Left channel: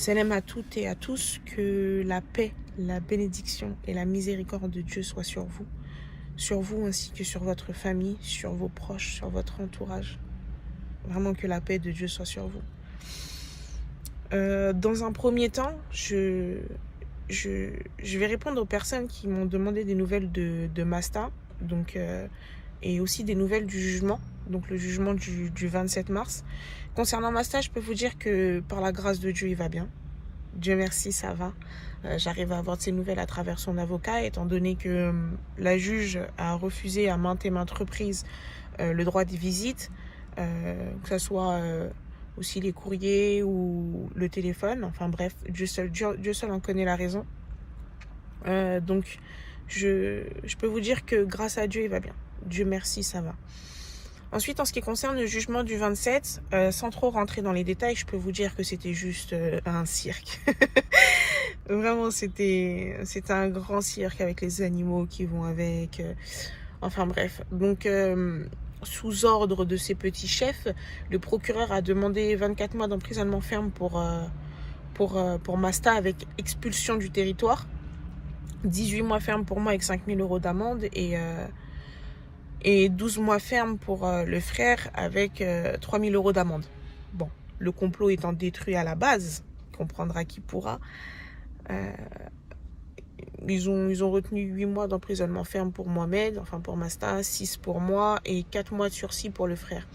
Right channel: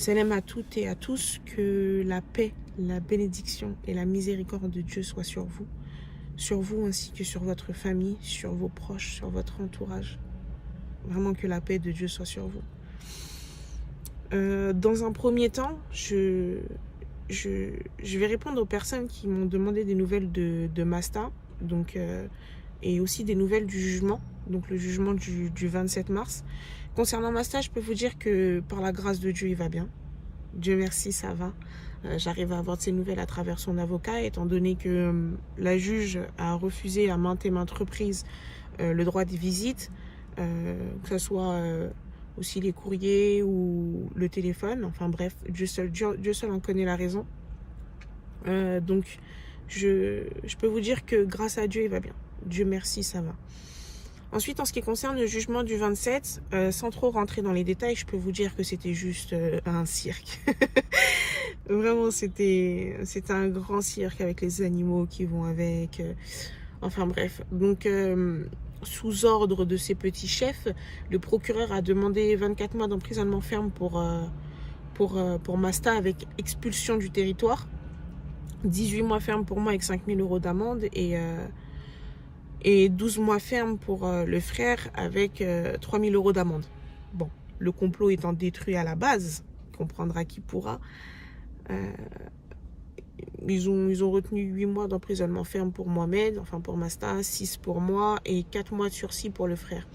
Salam à toutes et à tous, que la paix, la bénédiction et la miséricorde de Dieu soient sur vous ainsi que sur votre famille, sur vos proches, sur votre entourage. Vraiment que la paix de Dieu soit sur vous. Dans un premier temps, je vais répondre aux personnes qui m'ont demandé des nouvelles de Masta, donc, et aussi des nouvelles du jugement, donc le jugement du 27 mars. Concernant Masta, je peux vous dire que par la grâce de Dieu, il va bien. Dieu merci, ça va. J'arrive à avoir de ses nouvelles à travers son avocat, étant donné que la juge a refusé à maintes et maintes reprises le droit des visites, que ce soit aussi les courriers ou le téléphone. Enfin bref, Dieu seul en connaît la raison. Donc, je peux vous dire que grâce à Dieu, il va bien. Dieu merci, ça va. Ensuite, en ce qui concerne le jugement du 27, sans trop rentrer dans les détails, je peux vous dire que c'était juste un cirque. Vraiment, c'était un grand cirque avec les animaux qui vont avec. Enfin bref. Donc, sous ordre de ses petits chefs, le procureur a demandé 24 mois d'emprisonnement ferme pour Masta avec expulsion du territoire. 18 mois ferme pour moi avec 5 000 € d'amende et 12 mois ferme pour le frère avec 3 000 € d'amende. Bon, le complot étant détruit à la base, comprendra qui pourra. Ils ont retenu 8 mois d'emprisonnement ferme pour Mohamed, enfin pour Masta, 6 pour moi et 4 mois de sursis pour le frère.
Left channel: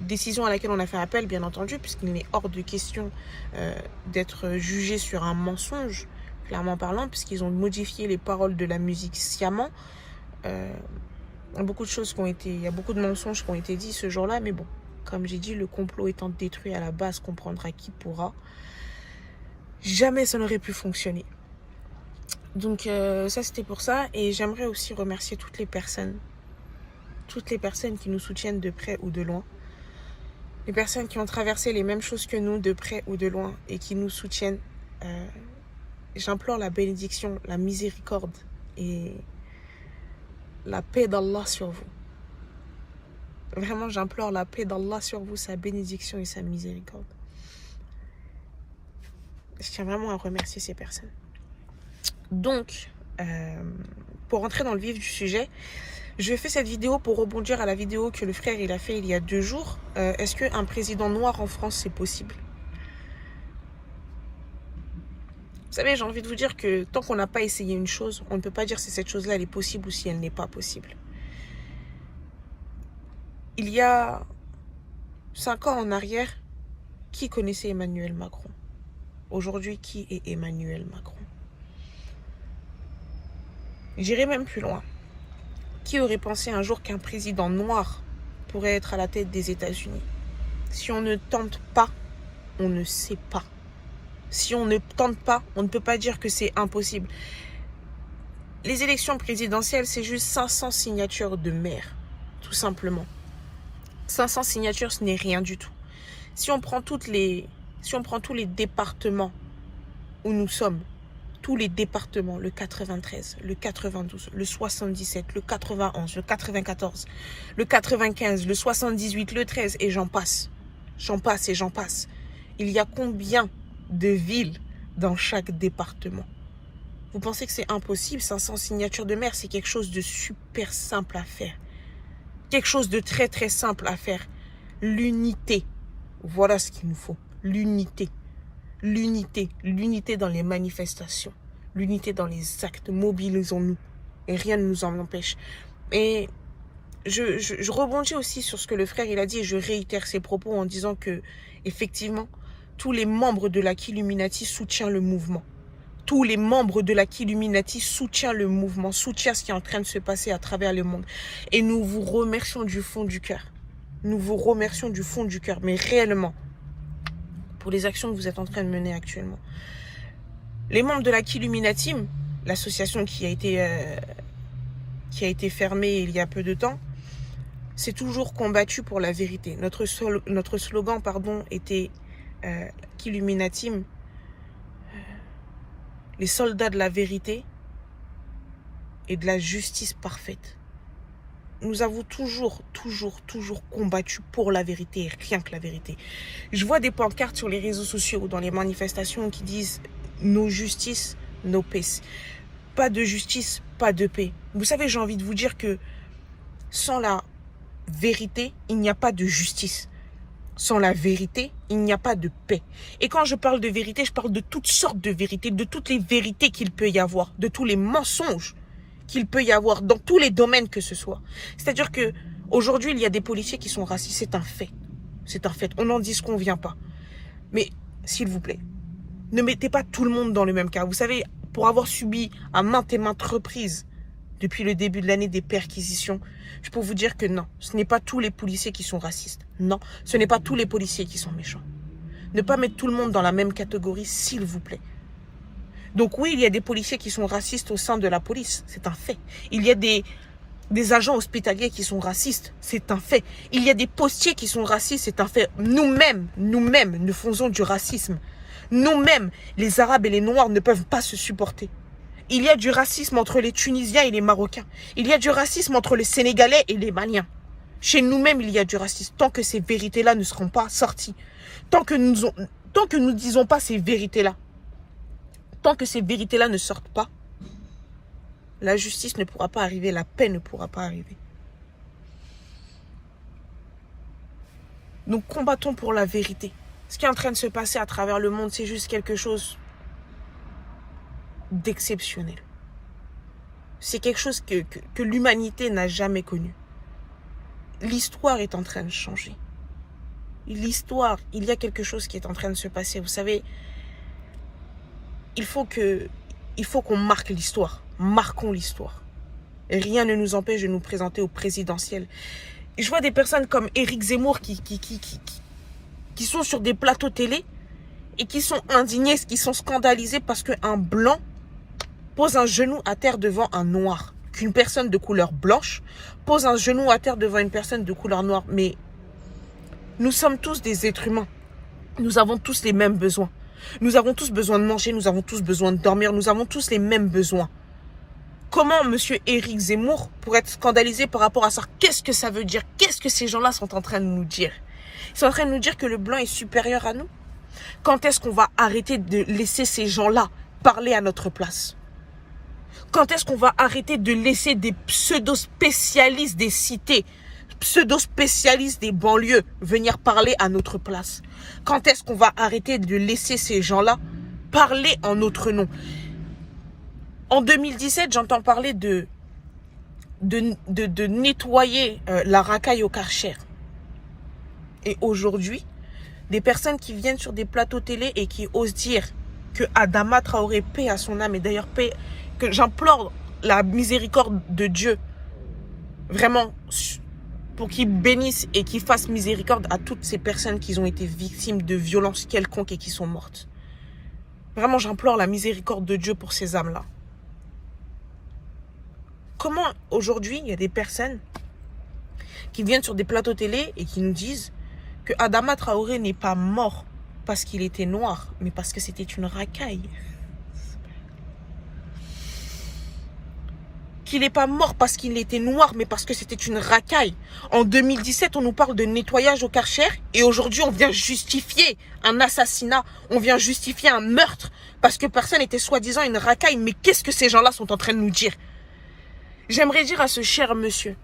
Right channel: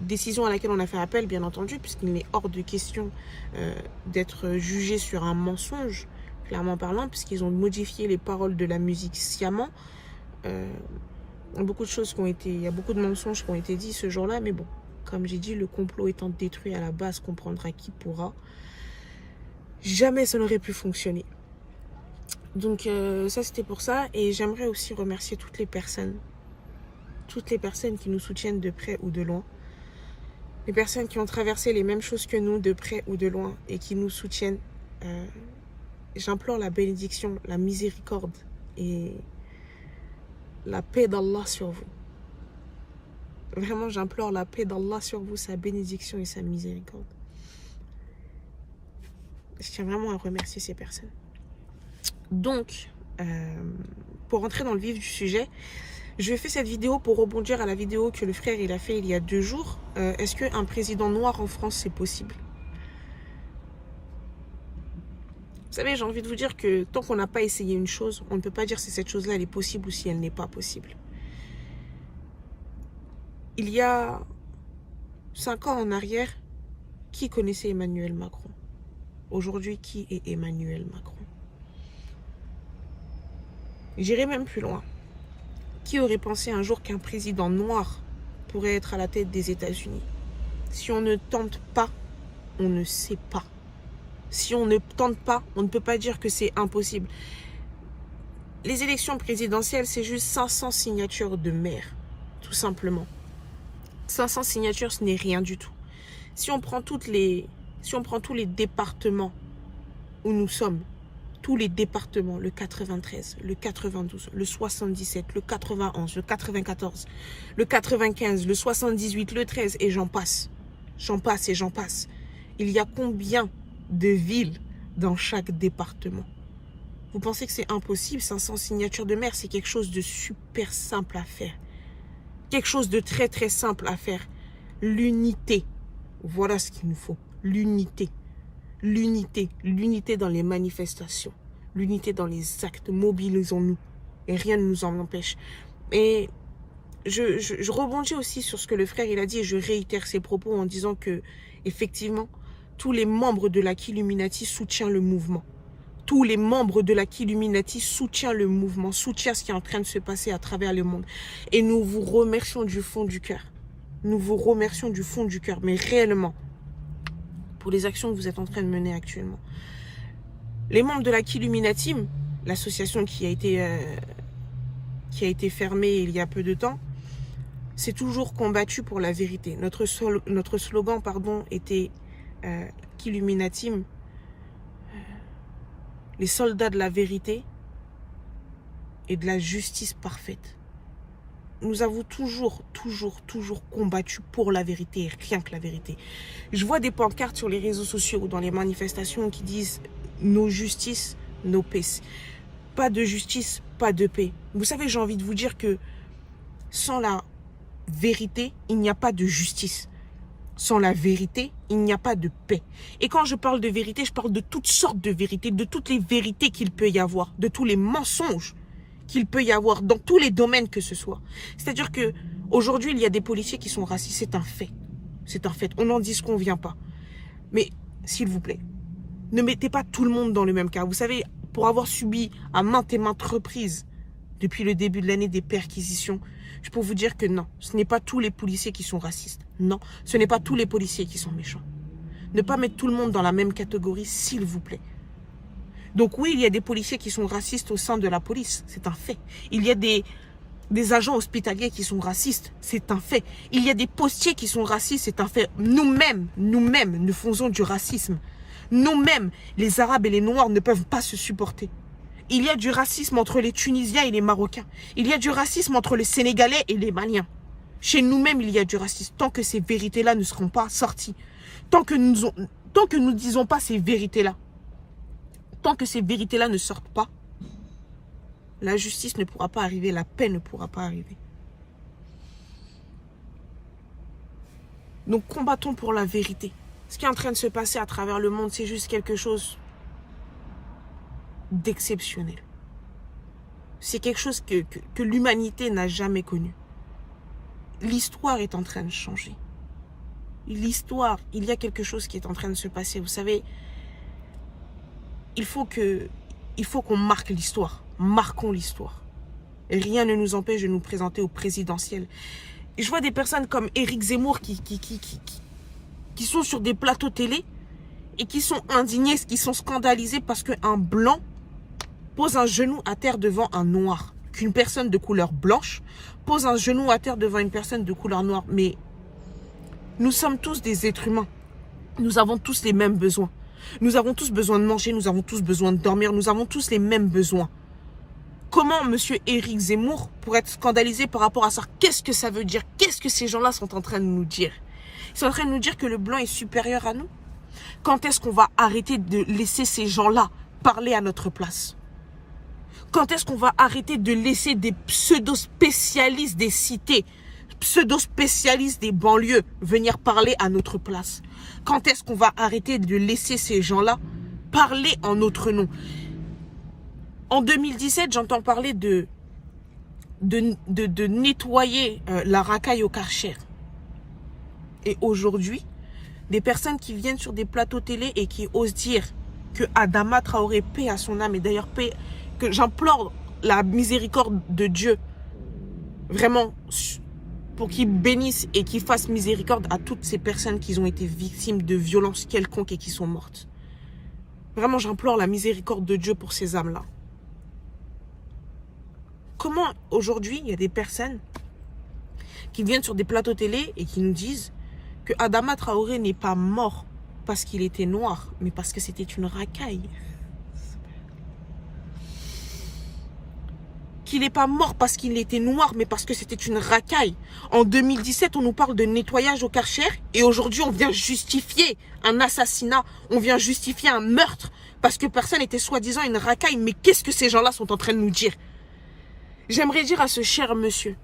Décision à laquelle on a fait appel, bien entendu, puisqu'il est hors de question d'être jugé sur un mensonge, clairement parlant, puisqu'ils ont modifié les paroles de la musique sciemment. Il y a beaucoup de mensonges qui ont été dits ce jour-là, mais bon, comme j'ai dit, le complot étant détruit à la base, comprendra qui pourra. Jamais ça n'aurait pu fonctionner. Donc ça c'était pour ça, et j'aimerais aussi remercier toutes les personnes qui nous soutiennent de près ou de loin, les personnes qui ont traversé les mêmes choses que nous de près ou de loin et qui nous soutiennent. J'implore la bénédiction, la miséricorde et la paix d'Allah sur vous. Vraiment, j'implore la paix d'Allah sur vous, sa bénédiction et sa miséricorde. Je tiens vraiment à remercier ces personnes. Donc, pour rentrer dans le vif du sujet, je fais cette vidéo pour rebondir à la vidéo que le frère il a fait il y a 2 jours. Est-ce qu'un président noir en France, c'est possible ? Vous savez, j'ai envie de vous dire que tant qu'on n'a pas essayé une chose, on ne peut pas dire si cette chose-là elle est possible ou si elle n'est pas possible. Il y a 5 ans en arrière, qui connaissait Emmanuel Macron ? Aujourd'hui, qui est Emmanuel Macron ? J'irai même plus loin. Qui aurait pensé un jour qu'un président noir pourrait être à la tête des États-Unis ? Si on ne tente pas, on ne sait pas. Si on ne tente pas, on ne peut pas dire que c'est impossible. Les élections présidentielles, c'est juste 500 signatures de maires, tout simplement. 500 signatures, ce n'est rien du tout. Si on prend tous les départements où nous sommes, tous les départements, le 93, le 92, le 77, le 91, le 94, le 95, le 78, le 13, et j'en passe. J'en passe et j'en passe. Il y a combien de villes dans chaque département? Vous pensez que c'est impossible? 500 signatures de maire, c'est quelque chose de super simple à faire. Quelque chose de très très simple à faire. L'unité. Voilà ce qu'il nous faut. L'unité. L'unité. L'unité dans les manifestations. L'unité dans les actes. Mobilisons-nous. Et rien ne nous en empêche. Et je rebondis aussi sur ce que le frère il a dit, et je réitère ses propos en disant que, effectivement, tous les membres de la Killuminati soutiennent le mouvement. Tous les membres de la Killuminati soutiennent le mouvement, soutiennent ce qui est en train de se passer à travers le monde. Et nous vous remercions du fond du cœur. Nous vous remercions du fond du cœur, mais réellement, pour les actions que vous êtes en train de mener actuellement. Les membres de la Killuminati, l'association qui a été fermée il y a peu de temps, s'est toujours combattu pour la vérité. Notre slogan, était Killuminati, les soldats de la vérité et de la justice parfaite. nous avons toujours combattu pour la vérité, rien que la vérité. Je vois des pancartes sur les réseaux sociaux ou dans les manifestations qui disent « No justice, no peace ». Pas de justice, pas de paix. Vous savez, j'ai envie de vous dire que sans la vérité, il n'y a pas de justice. Sans la vérité, il n'y a pas de paix. Et quand je parle de vérité, je parle de toutes sortes de vérités, de toutes les vérités qu'il peut y avoir, de tous les mensonges qu'il peut y avoir dans tous les domaines que ce soit. C'est-à-dire que aujourd'hui, il y a des policiers qui sont racistes, c'est un fait. C'est un fait. On n'en dit ce qu'on vient pas. Mais s'il vous plaît, ne mettez pas tout le monde dans le même cas. Vous savez, pour avoir subi à maintes et maintes reprises depuis le début de l'année des perquisitions, je peux vous dire que non, ce n'est pas tous les policiers qui sont racistes. Non, ce n'est pas tous les policiers qui sont méchants. Ne pas mettre tout le monde dans la même catégorie, s'il vous plaît. Donc oui, il y a des policiers qui sont racistes au sein de la police, c'est un fait. Il y a des agents hospitaliers qui sont racistes, c'est un fait. Il y a des postiers qui sont racistes, c'est un fait. Nous-mêmes, nous faisons du racisme. Nous-mêmes, les Arabes et les Noirs ne peuvent pas se supporter. Il y a du racisme entre les Tunisiens et les Marocains. Il y a du racisme entre les Sénégalais et les Maliens. Chez nous-mêmes, il y a du racisme. Tant que ces vérités-là ne seront pas sorties, tant que nous ne disons pas ces vérités-là, tant que ces vérités-là ne sortent pas, la justice ne pourra pas arriver, la paix ne pourra pas arriver. Donc combattons pour la vérité. Ce qui est en train de se passer à travers le monde, c'est juste quelque chose d'exceptionnel. C'est quelque chose que l'humanité n'a jamais connu. L'histoire est en train de changer. L'histoire, il y a quelque chose qui est en train de se passer. Vous savez, il faut qu'on marque l'histoire. Marquons l'histoire. Et rien ne nous empêche de nous présenter au présidentiel. Et je vois des personnes comme Éric Zemmour qui sont sur des plateaux télé et qui sont indignés, qui sont scandalisés parce qu'un blanc pose un genou à terre devant un noir. Qu'une personne de couleur blanche pose un genou à terre devant une personne de couleur noire. Mais nous sommes tous des êtres humains. Nous avons tous les mêmes besoins. Nous avons tous besoin de manger, nous avons tous besoin de dormir, nous avons tous les mêmes besoins. Comment M. Éric Zemmour pourrait être scandalisé par rapport à ça? Qu'est-ce que ça veut dire? Qu'est-ce que ces gens-là sont en train de nous dire? Ils sont en train de nous dire que le blanc est supérieur à nous? Quand est-ce qu'on va arrêter de laisser ces gens-là parler à notre place? Quand est-ce qu'on va arrêter de laisser des pseudo-spécialistes des cités, pseudo-spécialistes des banlieues venir parler à notre place? Quand est-ce qu'on va arrêter de laisser ces gens-là parler en notre nom? En 2017, j'entends parler de nettoyer la racaille au Karcher. Et aujourd'hui, des personnes qui viennent sur des plateaux télé et qui osent dire que Adama Traoré, paix à son âme, et d'ailleurs paix, que j'implore la miséricorde de Dieu, vraiment, pour qu'il bénisse et qu'il fasse miséricorde à toutes ces personnes qui ont été victimes de violences quelconques et qui sont mortes. Vraiment, j'implore la miséricorde de Dieu pour ces âmes-là. Comment aujourd'hui, il y a des personnes qui viennent sur des plateaux télé et qui nous disent que Adama Traoré n'est pas mort parce qu'il était noir, mais parce que c'était une racaille. Qu'il n'est pas mort parce qu'il était noir, mais parce que c'était une racaille. En 2017, on nous parle de nettoyage au Karcher et aujourd'hui, on vient justifier un assassinat, on vient justifier un meurtre parce que personne n'était soi-disant une racaille. Mais qu'est-ce que ces gens-là sont en train de nous dire? J'aimerais dire à ce cher monsieur,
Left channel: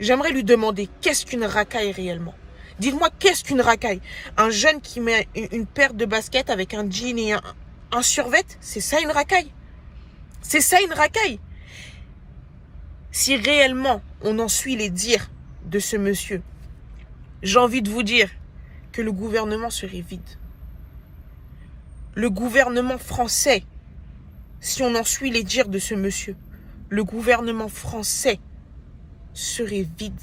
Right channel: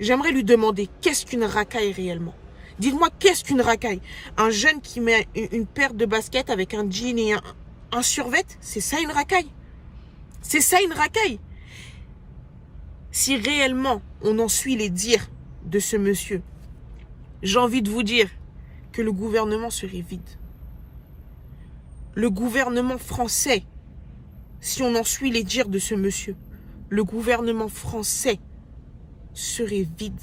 j'aimerais lui demander qu'est-ce qu'une racaille réellement? Dites-moi, qu'est-ce qu'une racaille? Un jeune qui met une paire de baskets avec un jean et un survêt, c'est ça une racaille? C'est ça une racaille? Si réellement on en suit les dires de ce monsieur, j'ai envie de vous dire que le gouvernement serait vide. Le gouvernement français, si on en suit les dires de ce monsieur, le gouvernement français serait vide.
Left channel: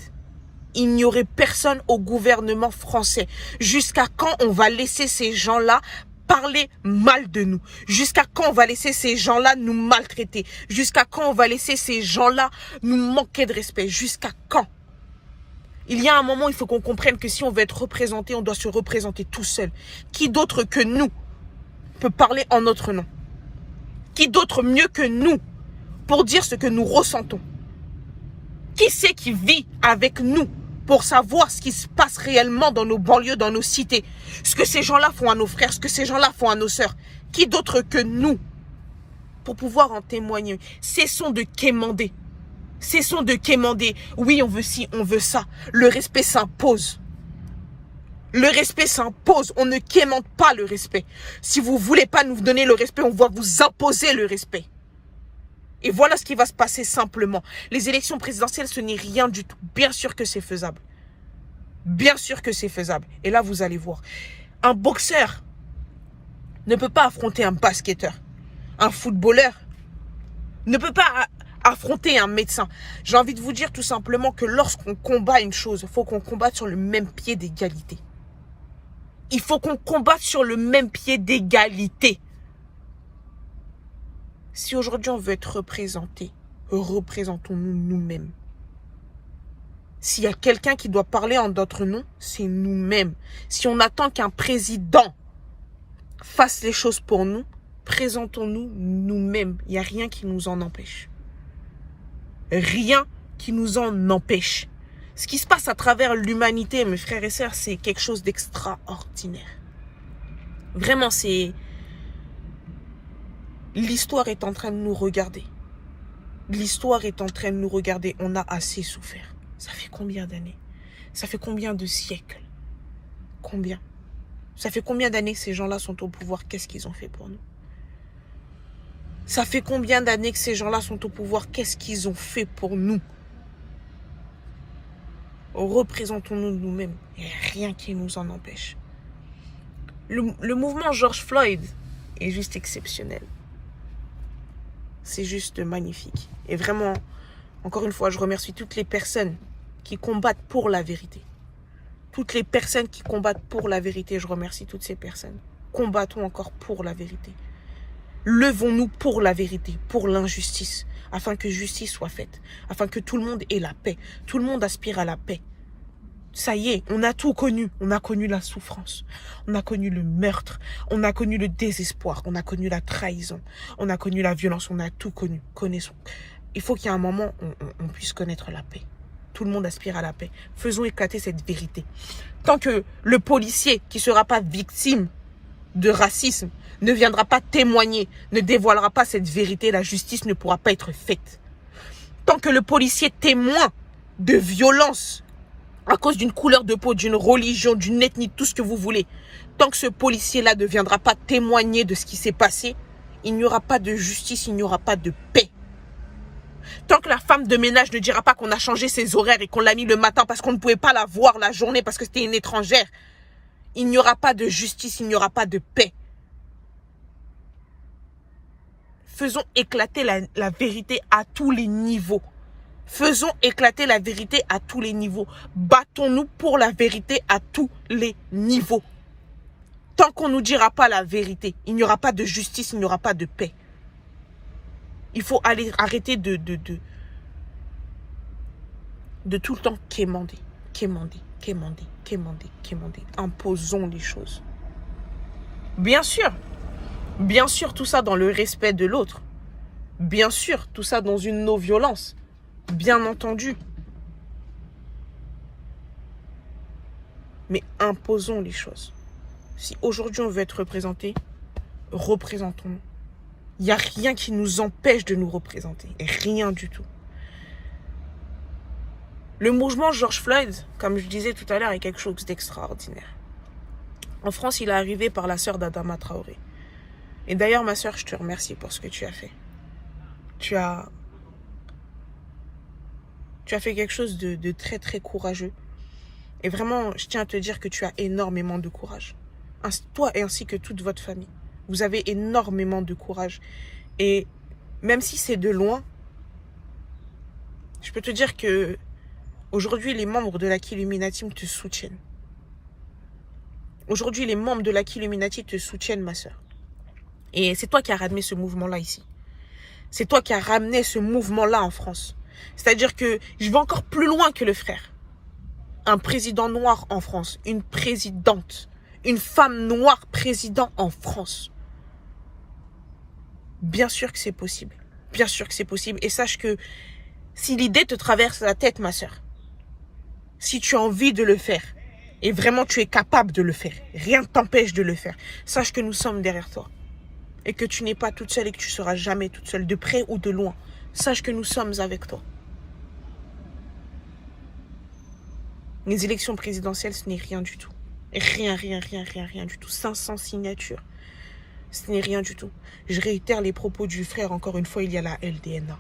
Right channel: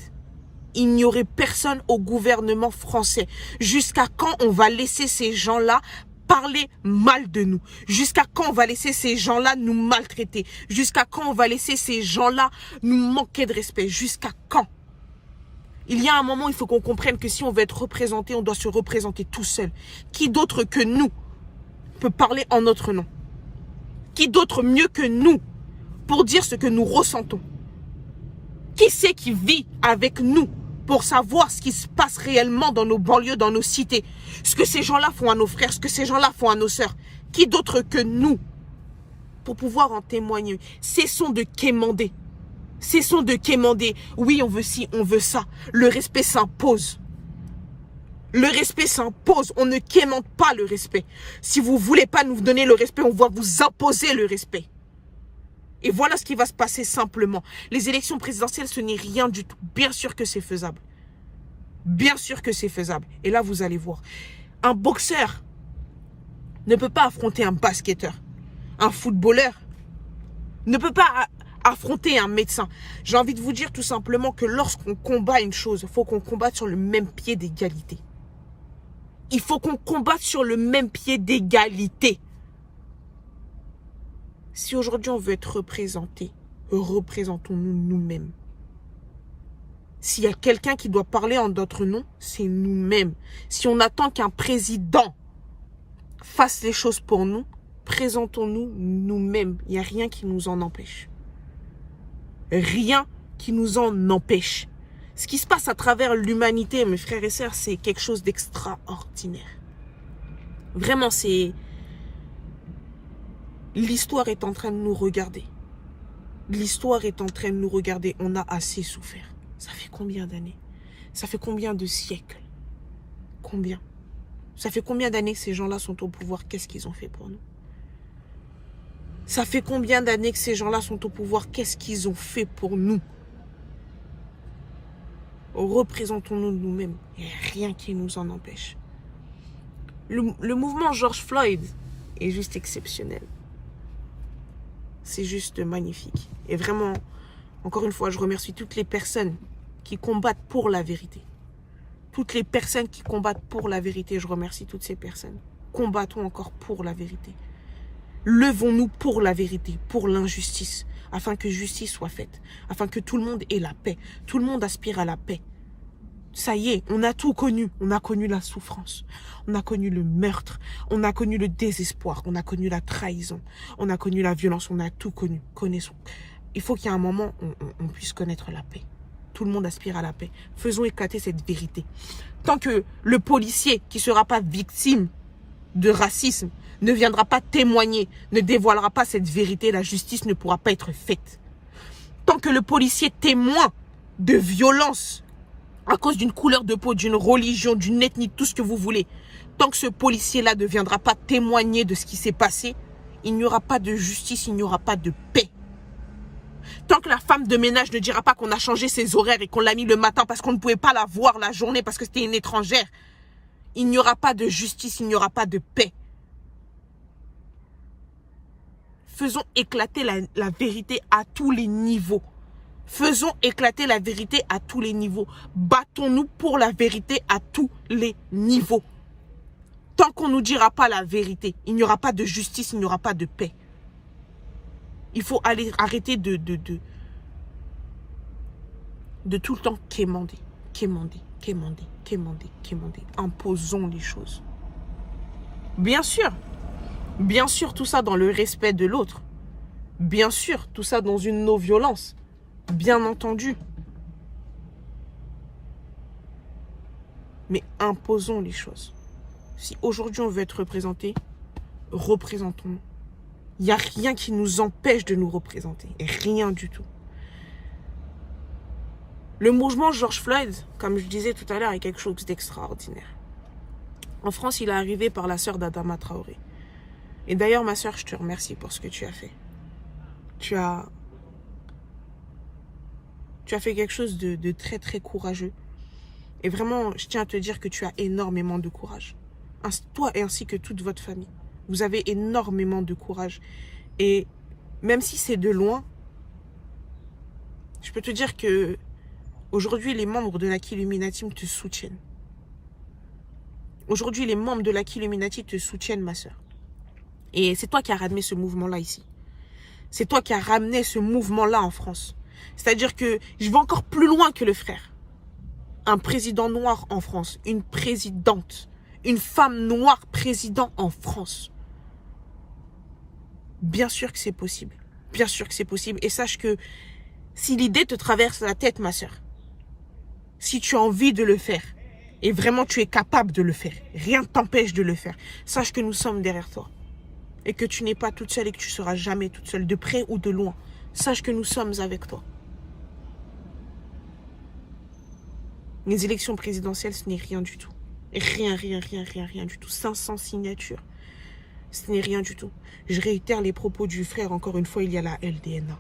Il n'y aurait personne au gouvernement français. Jusqu'à quand on va laisser ces gens-là parler mal de nous? Jusqu'à quand on va laisser ces gens-là nous maltraiter? Jusqu'à quand on va laisser ces gens-là nous manquer de respect? Jusqu'à quand? Il y a un moment, il faut qu'on comprenne que si on veut être représenté, on doit se représenter tout seul. Qui d'autre que nous peut parler en notre nom? Qui d'autre mieux que nous pour dire ce que nous ressentons? Qui c'est qui vit avec nous pour savoir ce qui se passe réellement dans nos banlieues, dans nos cités? Ce que ces gens-là font à nos frères, ce que ces gens-là font à nos sœurs. Qui d'autre que nous pour pouvoir en témoigner? Cessons de quémander. Cessons de quémander. Oui, on veut ci, on veut ça. Le respect s'impose. Le respect s'impose. On ne quémande pas le respect. Si vous ne voulez pas nous donner le respect, on va vous imposer le respect. Et voilà ce qui va se passer simplement. Les élections présidentielles, ce n'est rien du tout. Bien sûr que c'est faisable. Bien sûr que c'est faisable. Et là, vous allez voir. Un boxeur ne peut pas affronter un basketteur. Un footballeur ne peut pas affronter un médecin. J'ai envie de vous dire tout simplement que lorsqu'on combat une chose, il faut qu'on combatte sur le même pied d'égalité. Il faut qu'on combatte sur le même pied d'égalité. Si aujourd'hui on veut être représenté, représentons-nous nous-mêmes. S'il y a quelqu'un qui doit parler en notre nom, c'est nous-mêmes. Si on attend qu'un président fasse les choses pour nous, présentons-nous nous-mêmes. Il n'y a rien qui nous en empêche. Rien qui nous en empêche. Ce qui se passe à travers l'humanité, mes frères et sœurs, c'est quelque chose d'extraordinaire. Vraiment, c'est... L'histoire est en train de nous regarder. L'histoire est en train de nous regarder. On a assez souffert. Ça fait combien d'années? Ça fait combien de siècles? Combien? Ça fait combien d'années que ces gens-là sont au pouvoir? Qu'est-ce qu'ils ont fait pour nous? Ça fait combien d'années que ces gens-là sont au pouvoir? Qu'est-ce qu'ils ont fait pour nous? Représentons-nous nous-mêmes. Il n'y a rien qui nous en empêche. Le mouvement George Floyd est juste exceptionnel. C'est juste magnifique. Et vraiment, encore une fois, je remercie toutes les personnes qui combattent pour la vérité. Toutes les personnes qui combattent pour la vérité, je remercie toutes ces personnes. Combattons encore pour la vérité. Levons-nous pour la vérité, pour l'injustice, afin que justice soit faite, afin que tout le monde ait la paix. Tout le monde aspire à la paix. Ça y est, on a tout connu. On a connu la souffrance, on a connu le meurtre, on a connu le désespoir, on a connu la trahison, on a connu la violence, on a tout connu. Connaissons. Il faut qu'il y ait un moment où on puisse connaître la paix. Tout le monde aspire à la paix. Faisons éclater cette vérité. Tant que le policier qui ne sera pas victime de racisme ne viendra pas témoigner, ne dévoilera pas cette vérité, la justice ne pourra pas être faite. Tant que le policier témoin de violence à cause d'une couleur de peau, d'une religion, d'une ethnie, tout ce que vous voulez, tant que ce policier-là ne viendra pas témoigner de ce qui s'est passé, il n'y aura pas de justice, il n'y aura pas de paix. Tant que la femme de ménage ne dira pas qu'on a changé ses horaires et qu'on l'a mis le matin parce qu'on ne pouvait pas la voir la journée parce que c'était une étrangère, il n'y aura pas de justice, il n'y aura pas de paix. Faisons éclater la vérité à tous les niveaux. Faisons éclater la vérité à tous les niveaux. Battons-nous pour la vérité à tous les niveaux. Tant qu'on ne nous dira pas la vérité, il n'y aura pas de justice, il n'y aura pas de paix. Il faut arrêter de tout le temps quémander. Imposons les choses. Bien sûr, tout ça dans le respect de l'autre. Bien sûr, tout ça dans une non-violence. Bien entendu. Mais imposons les choses. Si aujourd'hui on veut être représenté, représentons-nous. Il n'y a rien qui nous empêche de nous représenter. Rien du tout. Le mouvement George Floyd, comme je disais tout à l'heure, est quelque chose d'extraordinaire. En France, il est arrivé par la sœur d'Adama Traoré. Et d'ailleurs, ma sœur, je te remercie pour ce que tu as fait. Tu as fait quelque chose de très, très courageux. Et vraiment, je tiens à te dire que tu as énormément de courage. Toi et ainsi que toute votre famille. Vous avez énormément de courage. Et même si c'est de loin, je peux te dire que aujourd'hui, les membres de l'Aki Illuminati te soutiennent. Aujourd'hui, les membres de l'Aki Illuminati te soutiennent, ma sœur. Et c'est toi qui as ramené ce mouvement-là ici. C'est toi qui as ramené ce mouvement-là en France. C'est-à-dire que je vais encore plus loin que le frère. Un président noir en France, une présidente, une femme noire président en France. Bien sûr que c'est possible. Bien sûr que c'est possible. Et sache que Si l'idée te traverse la tête, ma soeur, si tu as envie de le faire, et vraiment tu es capable de le faire, rien ne t'empêche de le faire, sache que nous sommes derrière toi. Et que tu n'es pas toute seule et que tu ne seras jamais toute seule, de près ou de loin. Sache que nous sommes avec toi. Les élections présidentielles, ce n'est rien du tout. Rien du tout. 500 signatures. Ce n'est rien du tout. Je réitère les propos du frère, encore une fois, il y a la LDNA.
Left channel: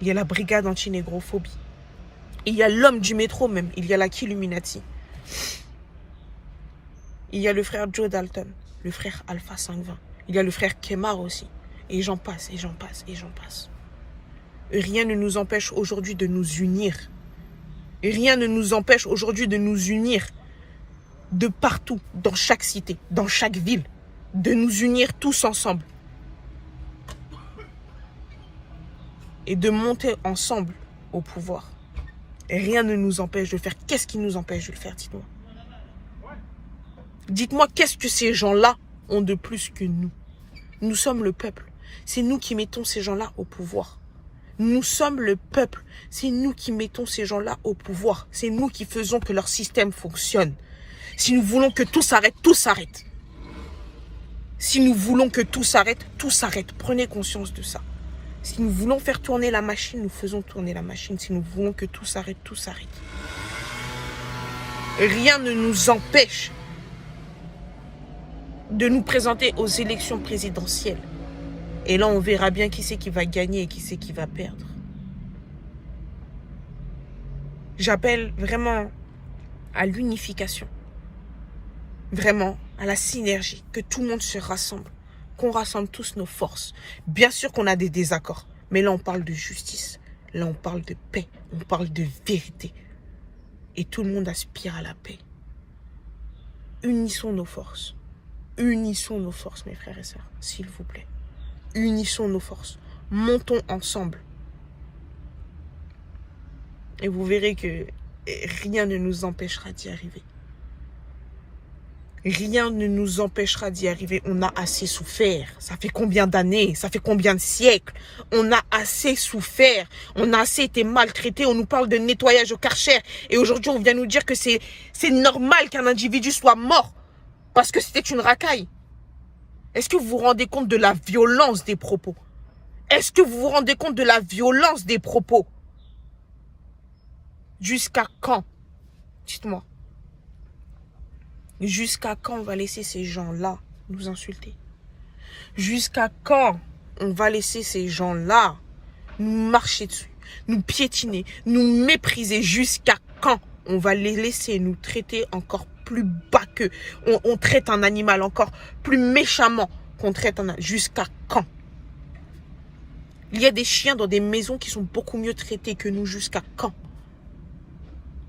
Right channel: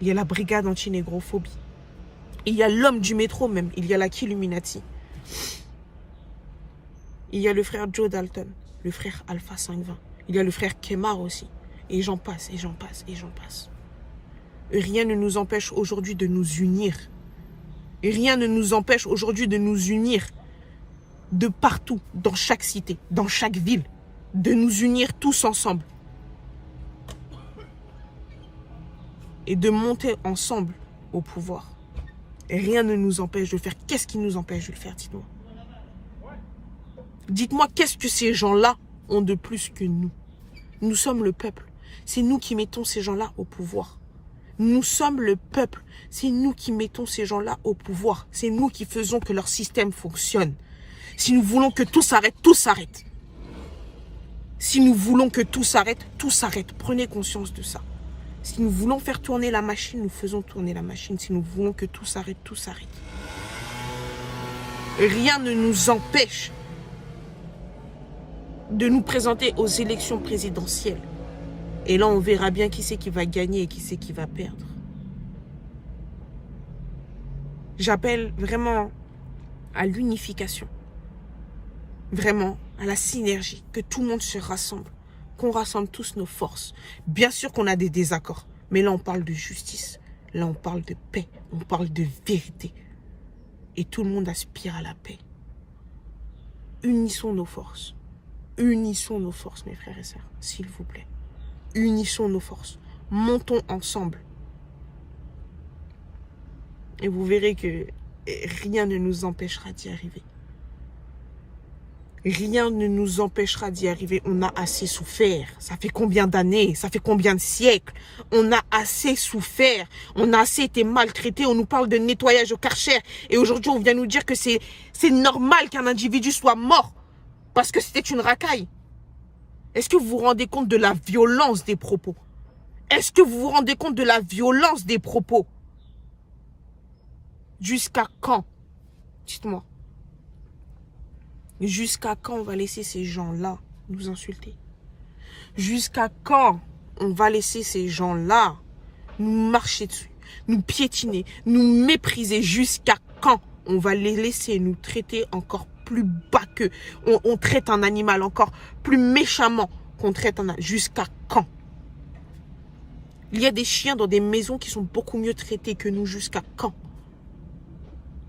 Il y a la brigade anti-négrophobie. Il y a l'homme du métro même. Il y a la Killuminati. Il y a le frère Joe Dalton. Le frère Alpha 520. Il y a le frère Kemar aussi. Et j'en passe, et j'en passe, et j'en passe. Rien ne nous empêche aujourd'hui de nous unir. Rien ne nous empêche aujourd'hui de nous unir. De partout, dans chaque cité, dans chaque ville. De nous unir tous ensemble. Et de monter ensemble au pouvoir. Et rien ne nous empêche de le faire. Qu'est-ce qui nous empêche de le faire, dites-moi? Dites-moi, qu'est-ce que ces gens-là ont de plus que nous? Nous sommes le peuple. C'est nous qui mettons ces gens-là au pouvoir. Nous sommes le peuple. C'est nous qui mettons ces gens-là au pouvoir. C'est nous qui faisons que leur système fonctionne. Si nous voulons que tout s'arrête, tout s'arrête. Si nous voulons que tout s'arrête, tout s'arrête. Prenez conscience de ça. Si nous voulons faire tourner la machine, nous faisons tourner la machine. Si nous voulons que tout s'arrête, tout s'arrête. Rien ne nous empêche de nous présenter aux élections présidentielles. Et là, on verra bien qui c'est qui va gagner et qui c'est qui va perdre. J'appelle vraiment à l'unification. Vraiment à la synergie. Que tout le monde se rassemble. Qu'on rassemble tous nos forces. Bien sûr qu'on a des désaccords. Mais là, on parle de justice. Là, on parle de paix. On parle de vérité. Et tout le monde aspire à la paix. Unissons nos forces. Unissons nos forces, mes frères et sœurs, s'il vous plaît. Unissons nos forces. Montons ensemble. Et vous verrez que rien ne nous empêchera d'y arriver. Rien ne nous empêchera d'y arriver. On a assez souffert. Ça fait combien d'années? Ça fait combien de siècles? On a assez souffert. On a assez été maltraités. On nous parle de nettoyage au Karcher. Et aujourd'hui, on vient nous dire que c'est normal qu'un individu soit mort. Parce que c'était une racaille. Est-ce que vous vous rendez compte de la violence des propos? Est-ce que vous vous rendez compte de la violence des propos? Jusqu'à quand? Dites-moi. Jusqu'à quand on va laisser ces gens-là nous insulter? Jusqu'à quand on va laisser ces gens-là nous marcher dessus, nous piétiner, nous mépriser? Jusqu'à quand on va les laisser nous traiter encore plus bas qu'eux? On traite un animal encore plus méchamment qu'on traite un animal. Jusqu'à quand? Il y a des chiens dans des maisons qui sont beaucoup mieux traités que nous. Jusqu'à quand?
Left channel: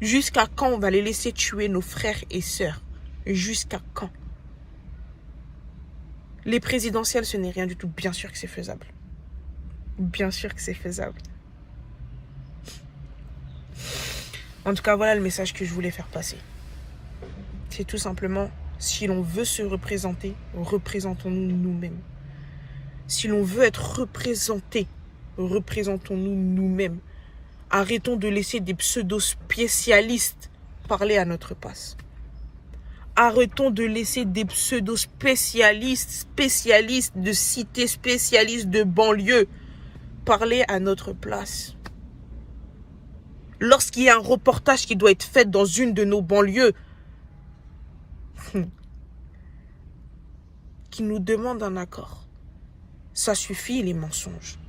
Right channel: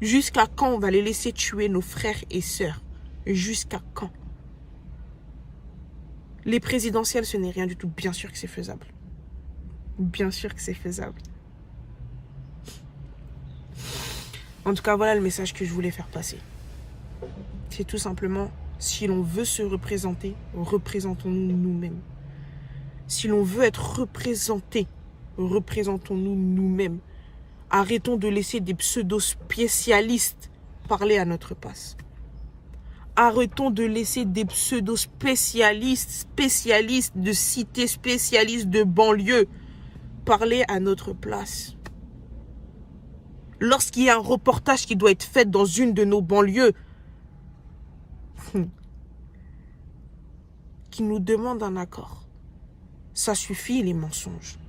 Jusqu'à quand on va les laisser tuer nos frères et sœurs? Jusqu'à quand? Les présidentielles, ce n'est rien du tout. Bien sûr que c'est faisable. Bien sûr que c'est faisable. En tout cas, voilà le message que je voulais faire passer. C'est tout simplement, si l'on veut se représenter, représentons-nous nous-mêmes. Si l'on veut être représenté, représentons-nous nous-mêmes. Arrêtons de laisser des pseudo-spécialistes parler à notre place. Arrêtons de laisser des pseudo-spécialistes, spécialistes de cités, spécialistes de banlieue parler à notre place. Lorsqu'il y a un reportage qui doit être fait dans une de nos banlieues, qui nous demande un accord, ça suffit les mensonges.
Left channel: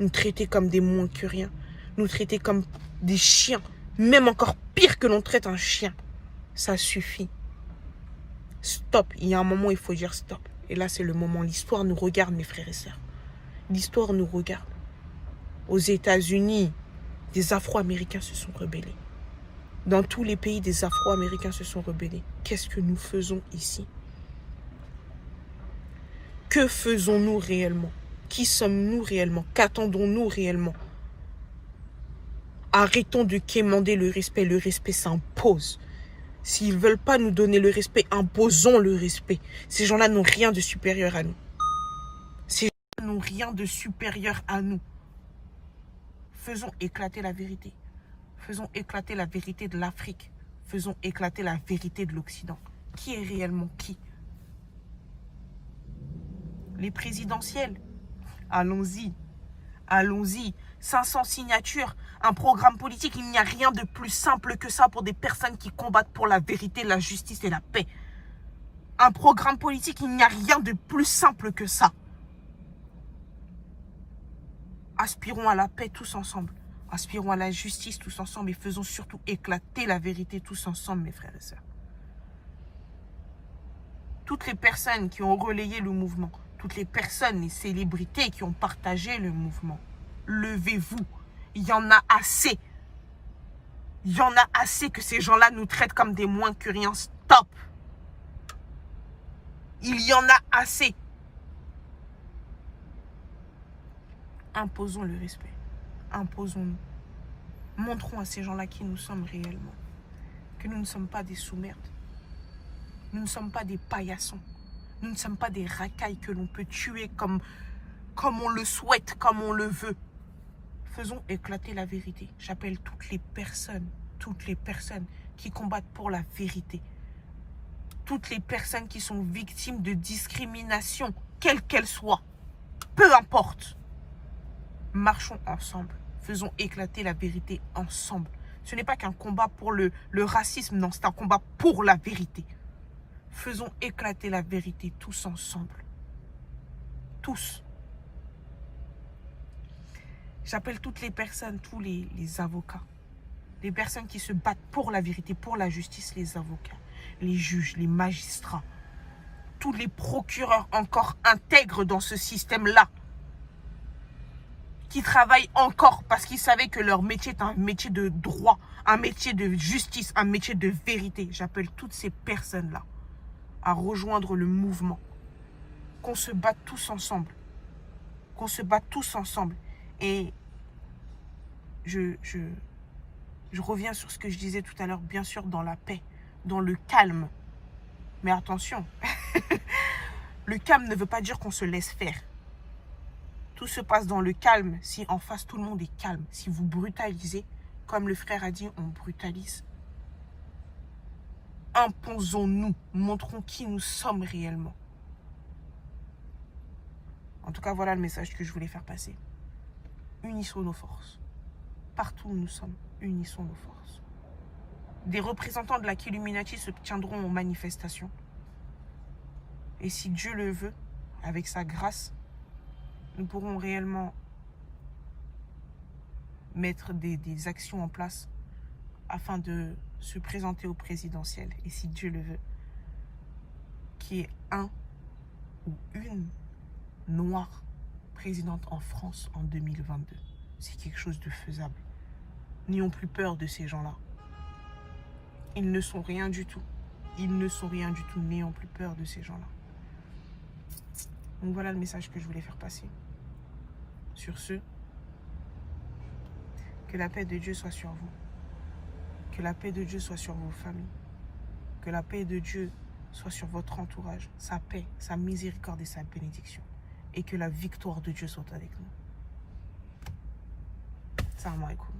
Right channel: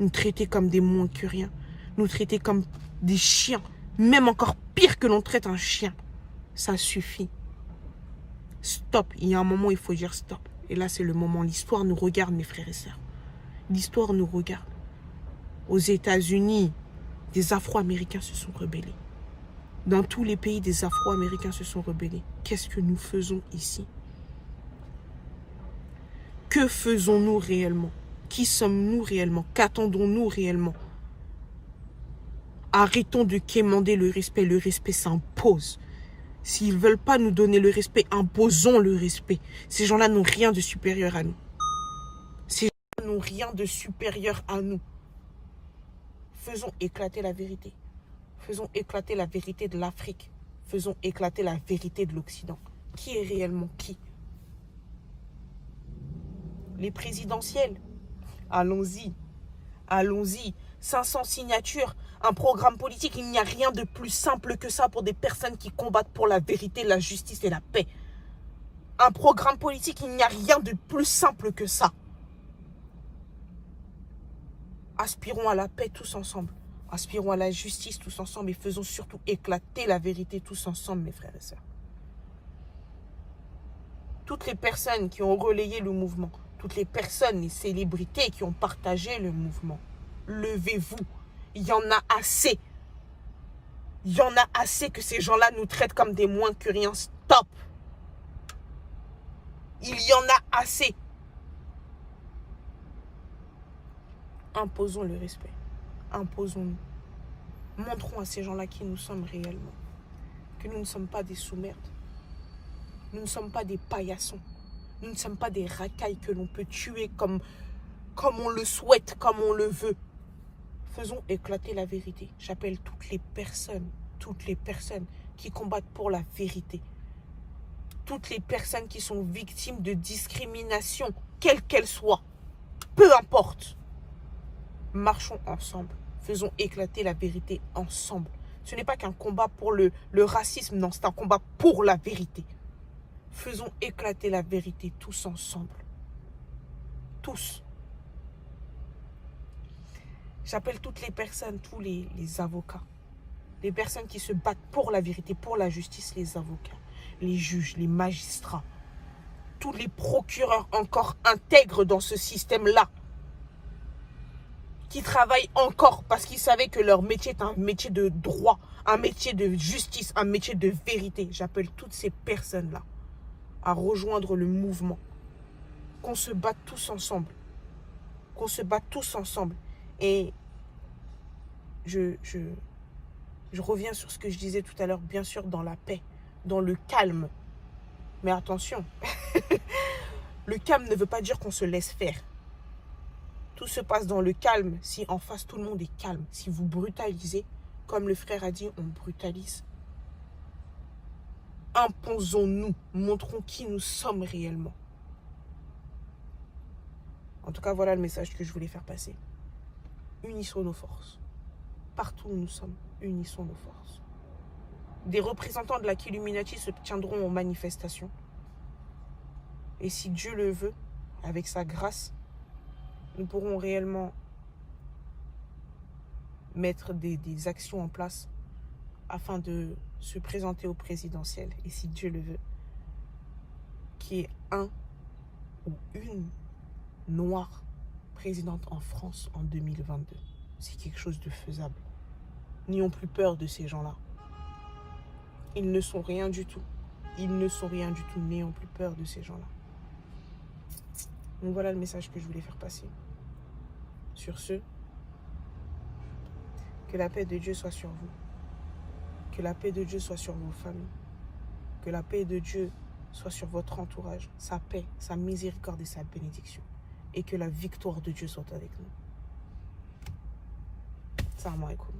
Nous traiter comme des moins que rien, nous traiter comme des chiens, même encore pire que l'on traite un chien, ça suffit. Stop, il y a un moment où il faut dire stop. Et là c'est le moment, l'histoire nous regarde mes frères et sœurs. L'histoire nous regarde. Aux États-Unis, des Afro-Américains se sont rebellés. Dans tous les pays, des Afro-Américains se sont rebellés. Qu'est-ce que nous faisons ici? Que faisons-nous réellement? Qui sommes-nous réellement? Qu'attendons-nous réellement? Arrêtons de quémander le respect. Le respect s'impose. S'ils ne veulent pas nous donner le respect, imposons le respect. Ces gens-là n'ont rien de supérieur à nous. Ces gens-là n'ont rien de supérieur à nous. Faisons éclater la vérité. Faisons éclater la vérité de l'Afrique. Faisons éclater la vérité de l'Occident. Qui est réellement qui? Les présidentielles. Allons-y. Allons-y. 500 signatures, un programme politique. Il n'y a rien de plus simple que ça pour des personnes qui combattent pour la vérité, la justice et la paix. Un programme politique, il n'y a rien de plus simple que ça. Aspirons à la paix tous ensemble. Aspirons à la justice tous ensemble et faisons surtout éclater la vérité tous ensemble, mes frères et sœurs. Toutes les personnes qui ont relayé le mouvement, toutes les personnes, les célébrités qui ont partagé le mouvement, levez-vous. Il y en a assez. Il y en a assez que ces gens-là nous traitent comme des moins que rien. Stop. Il y en a assez. Imposons le respect. Imposons-nous. Montrons à ces gens-là qui nous sommes réellement. Que nous ne sommes pas des sous-merdes. Nous ne sommes pas des paillassons. Nous ne sommes pas des racailles que l'on peut tuer comme on le souhaite, comme on le veut. Faisons éclater la vérité. J'appelle toutes les personnes qui combattent pour la vérité. Toutes les personnes qui sont victimes de discrimination, quelle qu'elle soit. Peu importe. Marchons ensemble. Faisons éclater la vérité ensemble. Ce n'est pas qu'un combat pour le racisme, non, c'est un combat pour la vérité. Faisons éclater la vérité tous ensemble. Tous. J'appelle toutes les personnes, tous les avocats. Les personnes qui se battent pour la vérité, pour la justice, les avocats, les juges, les magistrats. Tous les procureurs encore intègres dans ce système-là. Qui travaillent encore parce qu'ils savaient que leur métier est un métier de droit, un métier de justice, un métier de vérité. J'appelle toutes ces personnes-là à rejoindre le mouvement. Qu'on se batte tous ensemble. Qu'on se batte tous ensemble. Et je reviens sur ce que je disais tout à l'heure, bien sûr, dans la paix, dans le calme. Mais attention, le calme ne veut pas dire qu'on se laisse faire. Tout se passe dans le calme si en face tout le monde est calme. Si vous brutalisez, comme le frère a dit, on brutalise. Imposons-nous, montrons qui nous sommes réellement. En tout cas, voilà le message que je voulais faire passer. Unissons nos forces. Partout où nous sommes, unissons nos forces. Des représentants de la Killuminati se tiendront aux manifestations. Et si Dieu le veut, avec sa grâce, nous pourrons réellement mettre des actions en place afin de se présenter au présidentiel. Et si Dieu le veut, qu'il y ait un ou une noire présidente en France en 2022. C'est quelque chose de faisable. N'ayons plus peur de ces gens-là. Ils ne sont rien du tout. Ils ne sont rien du tout. N'ayons plus peur de ces gens-là. Donc voilà le message que je voulais faire passer. Sur ce, que la paix de Dieu soit sur vous. Que la paix de Dieu soit sur vos familles. Que la paix de Dieu soit sur votre entourage. Sa paix, sa miséricorde et sa bénédiction. Et que la victoire de Dieu soit avec nous. Salam alaikum.